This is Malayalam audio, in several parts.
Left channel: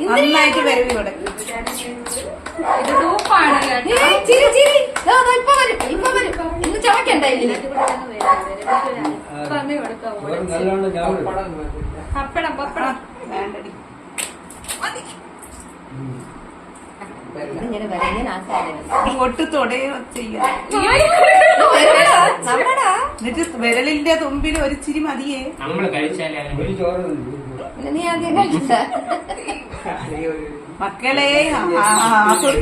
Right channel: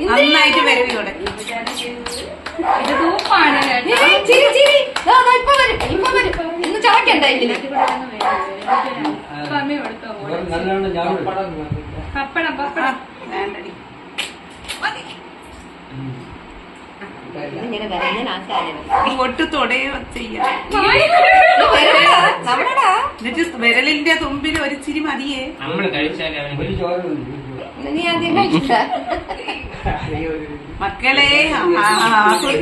നന്നായിട്ട് വരവി ഇവിടെ ഇന്ന് ചവക്കണ്ടായില്ലേ പപ്പടം പപ്പടം വേണ്ടടി ഇങ്ങനെ വരുന്ന ആൾക്കാരെ ഒട്ട് തൊടയോ ചെയ്യാം എന്നിട്ട് വിരലിന്റെ തുമ്പിൽ ഒരു ചിരി മതിയേ നീ ആദ്യം കഴിച്ചില്ല മക്കളെ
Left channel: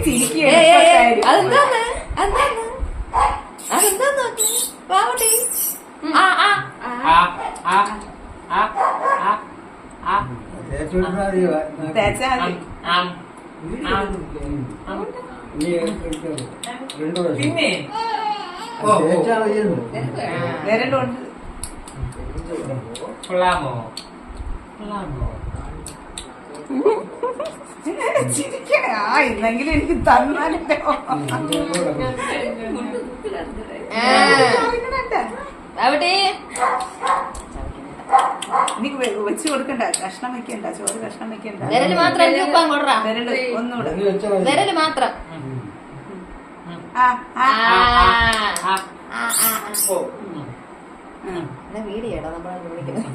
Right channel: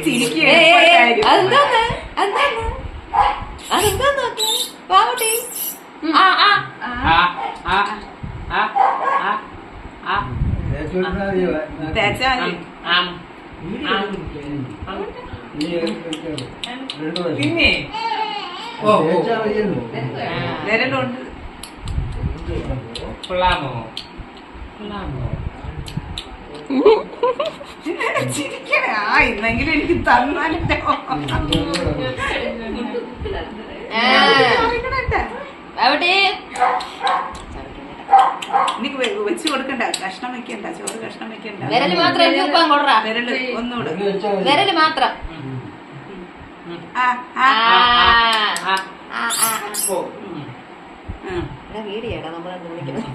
ചിരിക്കേ അതെന്താന്ന് നോക്കി പാവട്ടി തേച്ചാ പിന്നെ വിരലുണ്ട് കൊള്ളാമോ ചിരിക്കണേ ഇന്നെങ്കിലും എനിക്ക് തന്നാലോ അവിടെ എനിക്ക് വെച്ച് കൊടുക്കണ്ട കഷ്ണം വെക്കണ്ട ചോറ് കഷ്ണം വെക്കണ്ട വിരല് മാത്രം വിരല് ഒന്നുകൂടെ വിരല് മാത്രം വീഡിയോടാ നമ്മളത് വിളിക്കുന്നത്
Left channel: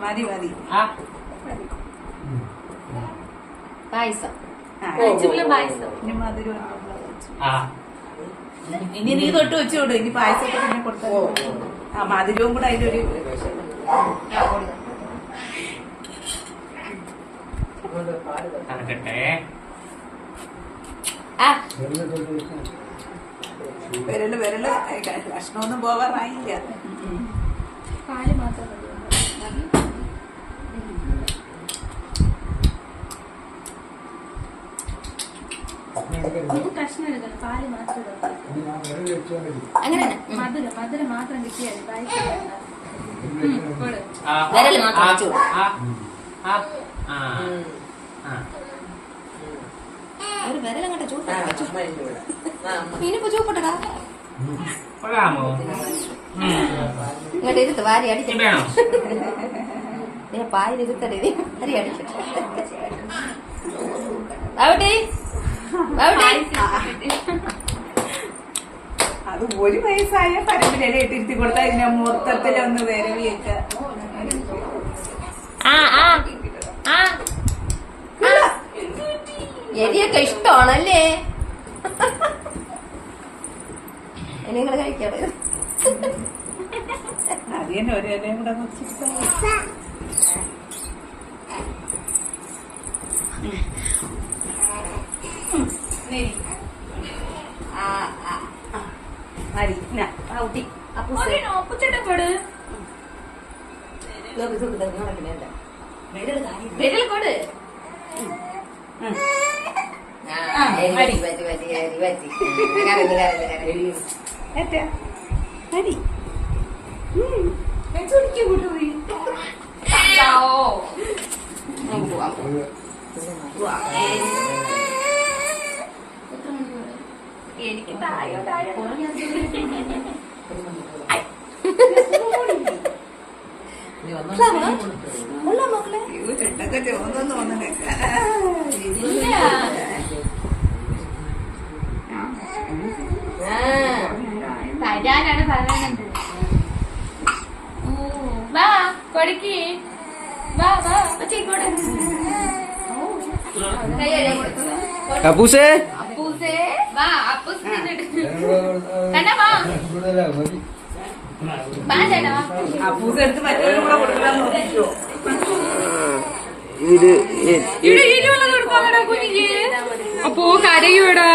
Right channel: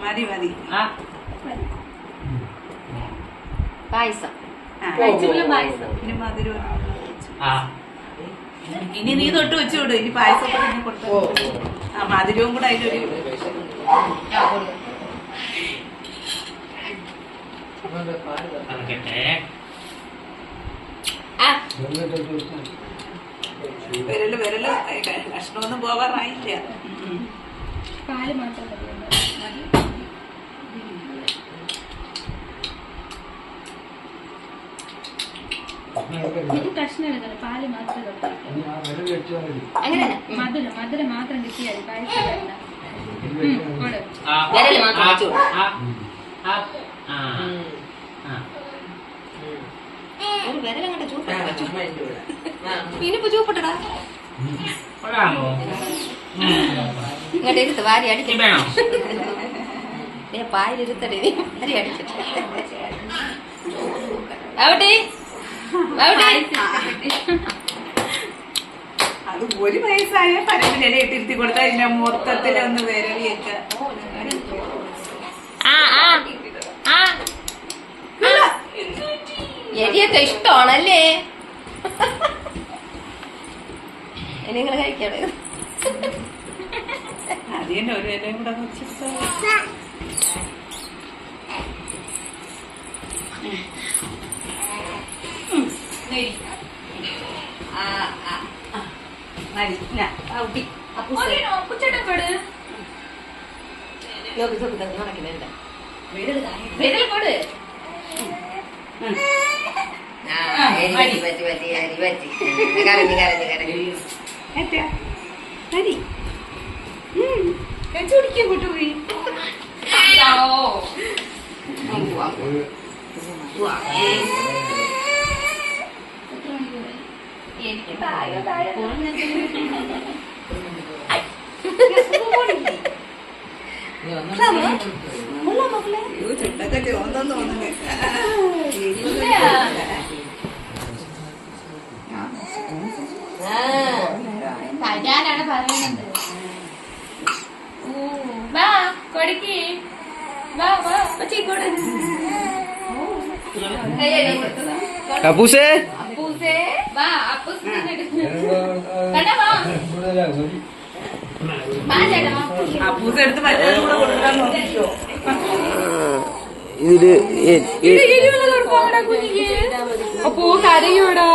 മതി മതി പായസം ഇനി മധുരം ഇനി നീ തൊട്ട് വെച്ചു വിടും ഇനി പായസമൊക്കെ തന്നെ കൊടുത്തു മധുരവും കൂടെ അതിലൊരു വിരല് കഷ്ണമൊന്നും പോവാറായില്ല പാല് മാത്രം കഷ്ണം എടുക്കണം പാല് മാത്രം അങ്ങനെ മധുരം മാത്രം കിട്ടിയാൽ പായസം വിരല് മാത്രം വെച്ചു ഒരു വിരലങ്ങോട്ട് ചൂട്ട് ഇനിയിപ്പോ ചൂപ്പിട്ടടാ ഇങ്ങോട്ട് ഇരുത്ത് വാരി അടിക്കണേ പായലിരുത്തടേ വാരി അടിക്കട്ടെ അവിടെ അത് ഒരു വയസ്സായ പരമ്പില ഇട്ടിരുത്തി കൊടുത്താൽ ഇതിനെ മൊത്തത്തിലൊന്ന് വിരവിയൊക്കെ എരിയൊക്കെ ഇഷ്ടമാണല്ലേ നിങ്ങൾ കഴിക്കാണ് അത് തന്നെ ഒരു ഇലയും കൂടെ വിരൽ കൊട് കൂട്ടുപോയി എനിക്ക് താഴെ താഴെ ചുണ്ടൊക്കെ ചോന്നെന്ന് തോന്നണേ തരാനാണ് പറയുന്നത് വാ കൊടിക്ക് വാ വാ ഇങ്ങോട്ട് അപ്പൂസേ അപ്പൂസേ വാ അപ്പൂസ് കണ്ടാ വാ വാ ചേട്ടാ അപ്പൂസ് എടുത്ത് മറ്റൊരു കൊടുക്കാൻ നോക്കിയോ അപ്പോ കരയൂടാ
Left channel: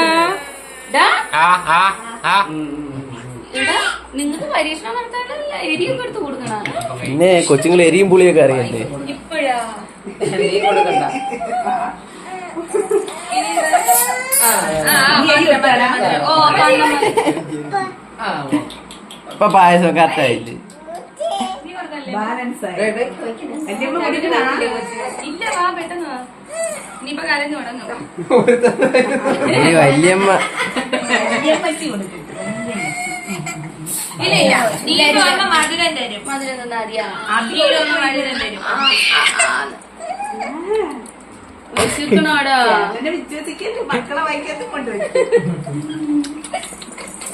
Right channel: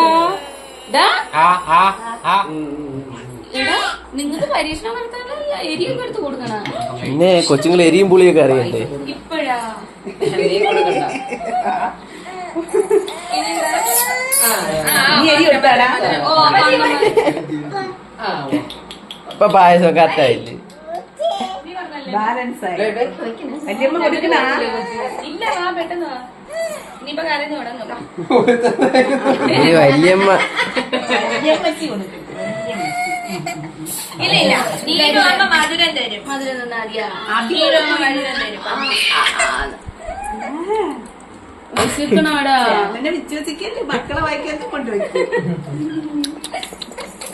നിങ്ങക്ക് പരീക്ഷണം നടത്താണ്ട് എരിയൊക്കെ എടുത്ത് കൊടുക്കണ പിന്നെ കൊച്ചുങ്ങൾ എരിയും പുളിയൊക്കെ അറിയണ്ടേ ഇപ്പഴാ ഇപ്പൊ പായസം കറക്റ്റായില്ലേ ബാലൻസ് ആയി ഇല്ല വാ പെട്ടെന്ന് ഇനിയിപ്പോ കരഞ്ഞു തുടങ്ങും. ഒരു വല്യമ്മ. ഇല്ല ഇല്ല, ഈ അമ്മ മധുരം തരും. മധുരം തന്നാ മതിയാ. അമ്മ മധുരം തരും. വിശക്കണോടാ. എന്നെ വിശ്വസിക്കല്ലേ, മക്കളെ വായിക്കാത്ത കൊണ്ടുപോയി.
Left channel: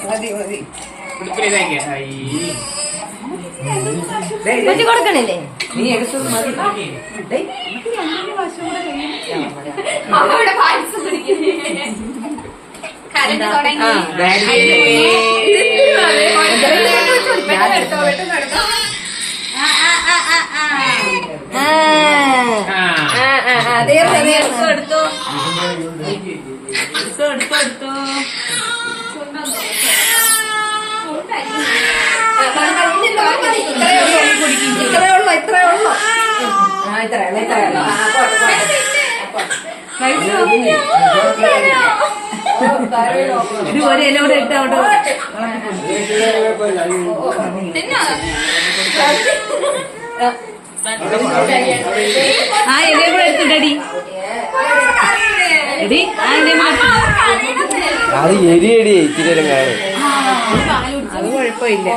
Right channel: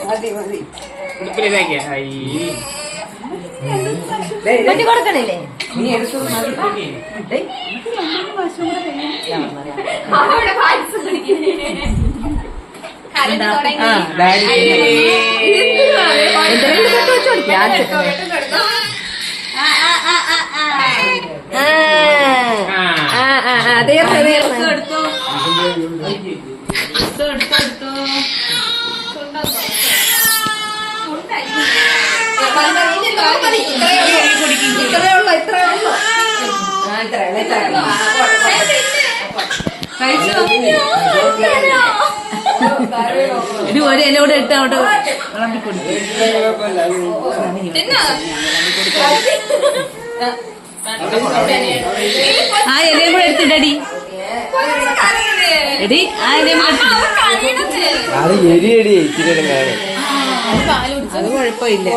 മതി മതി. കുട്ടി കൊടുക്കണില്ലേ? നീ എടുത്തത് മതി. ഡേയ്, നമുക്ക് രണ്ടു വർഷം കൂടെ കഴിയും. അവിടെ പായസം കുടിക്കുന്നേ. കരഞ്ഞു തുടങ്ങി. എടുത്തോ ഇത് ഒരു ഇലോടെ ഇട്ട് അവിടെ തിന്നോ? ആ ഇലയും കൂടെ എടുത്തിട്ടടി എടി. ആ ഇലയും അത് എരിയടി ഇച്ചിരി നേരം കാണും. അത് കുഴപ്പമില്ല.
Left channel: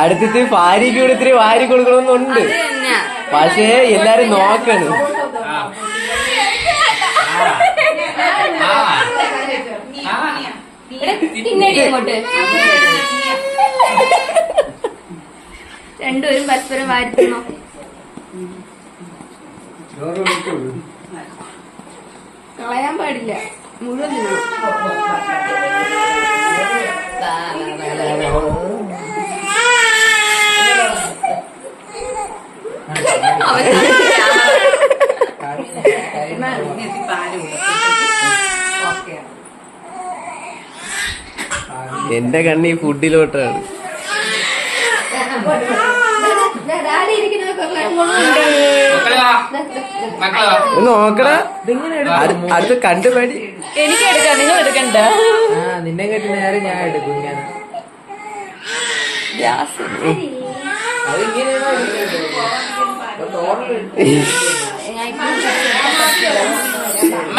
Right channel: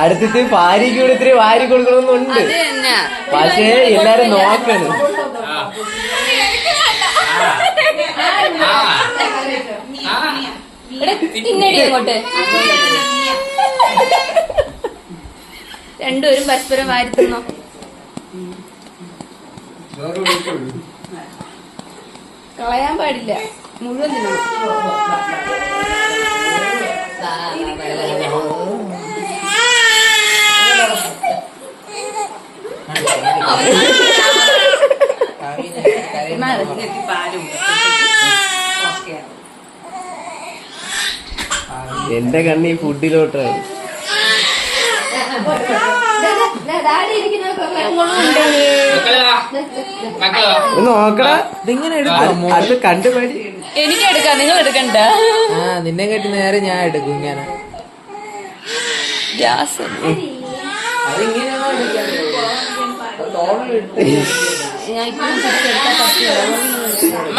അടുത്തിട്ട് ഭാര്യക്ക് കൂടെ ഇത്തിരി വാരി കൊടുക്കണമെന്നുണ്ട്. പക്ഷേ എല്ലാരും നോക്കണം. തിന്നടി അങ്ങോട്ട്. രണ്ടുപേരും പരസ്പരം വാരുത്തുന്നു. കളയാൻ പാടില്ല, മുഴുവൻ തിന്നണം. എന്റെ കണ്ണി ഫുഡിലോട്ടാണ്. നോക്കടാ, അടുത്ത് കണ്ടുപടി. എനിക്ക് എടുക്കാം, നിങ്ങൾ എടുക്കണ്ട. നിന്നെ കേട്ട് നേരെ ഞാൻ എടുക്കും ഇങ്ങനെ. ഗ്യാസ് അതിങ്ങനെയാണോ